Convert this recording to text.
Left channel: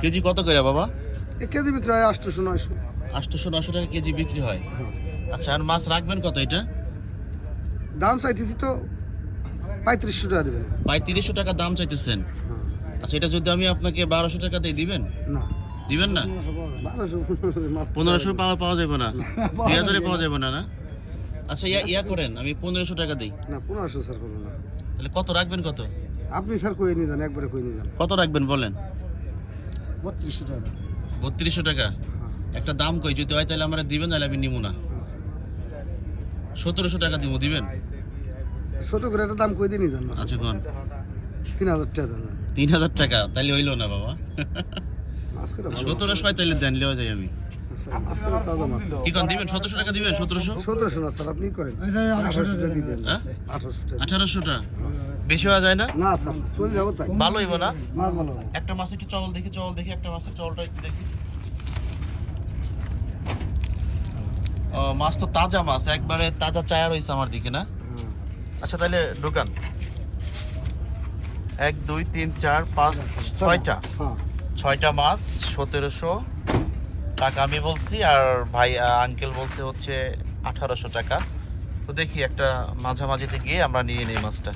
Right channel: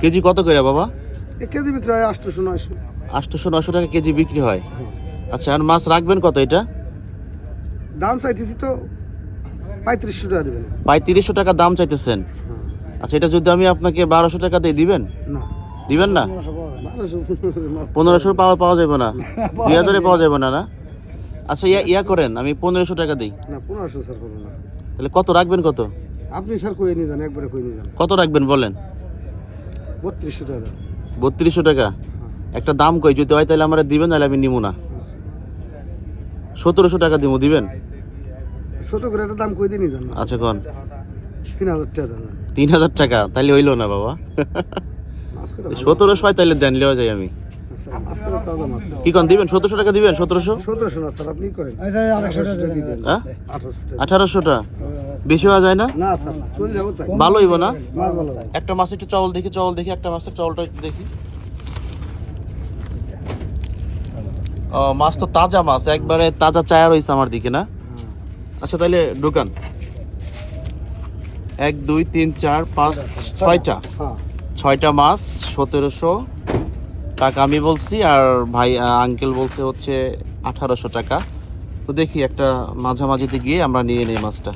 KG কত করে বাবা? কেজি বিক্রি হয় 800-900। 800-900 টাকা কেজি বিক্রি হয়। আচ্ছা, আর মাছ রাখবেন কত এটা? দাম চাইতেছি তো 3500 টাকা দেবেন। 3500 টাকা দাম চাইতেছেন? আচ্ছা, এটা যদি আমি আপনাকে 1200 টাকা দিয়ে দিবেন? না, দিবেন না? 1500 পাওয়া যাবে না? 2000 পাওয়া যাবে না? না, আচ্ছা, ইয়া করেন, আমি 1500 টাকা দিই। না, 1500 স্যার করবো না। তাহলে কত রাখবেন? কত আপনি স্যার কই নিয়ে যান, একবারে কই নিয়ে যান। কত রাখবেন বলেন? 3200 টাকা। 3200 টাকা? একটা দাম কই, যদি হয় তাহলে আমরা দিবেন, নাহলে আমি নিব না। 1700 টাকা দিব, দিবেন? ছোট করে একটা দাম কই দিয়ে নিয়ে যান। আচ্ছা, কোন? 3000 টাকা দেন। 3000 টাকা তাহলে হইলো না বাবা। 1700 তাহলে দেন, লিওয়া যায় আমি। কি কোন দিবেন? 1700 টাকা দিবেন? 1700? 1700 না স্যার, আপনি করেন 1800 টাকা দিয়ে দেন। হ্যাঁ, 1800 টাকা। 1800 টাকা বেশি হওয়া যায় না? না স্যার, চলে যাবো তাই। ভালো হইব না? মাছ ভালো হয়। একটা মাছ একটু চাউল দেখি, একটা মাছের চাউলটা একটু দেখি। মাছ তো তাজা মাছ, একবারে তাজা চায়া রয়েছে আমার দিকে, না? আচ্ছা, তাহলে দোকান 1 2 3 4 5 6টা, হ্যাঁ, 6টা মাছ 1700 টাকা আমি বলছি, আর ভাই আঙ্কেল বলছে হচ্ছে 1800 টাকা। তো দেখি একটা মাঝামাঝিতে গিয়ে আমরা নিয়ে নেই মাছটা।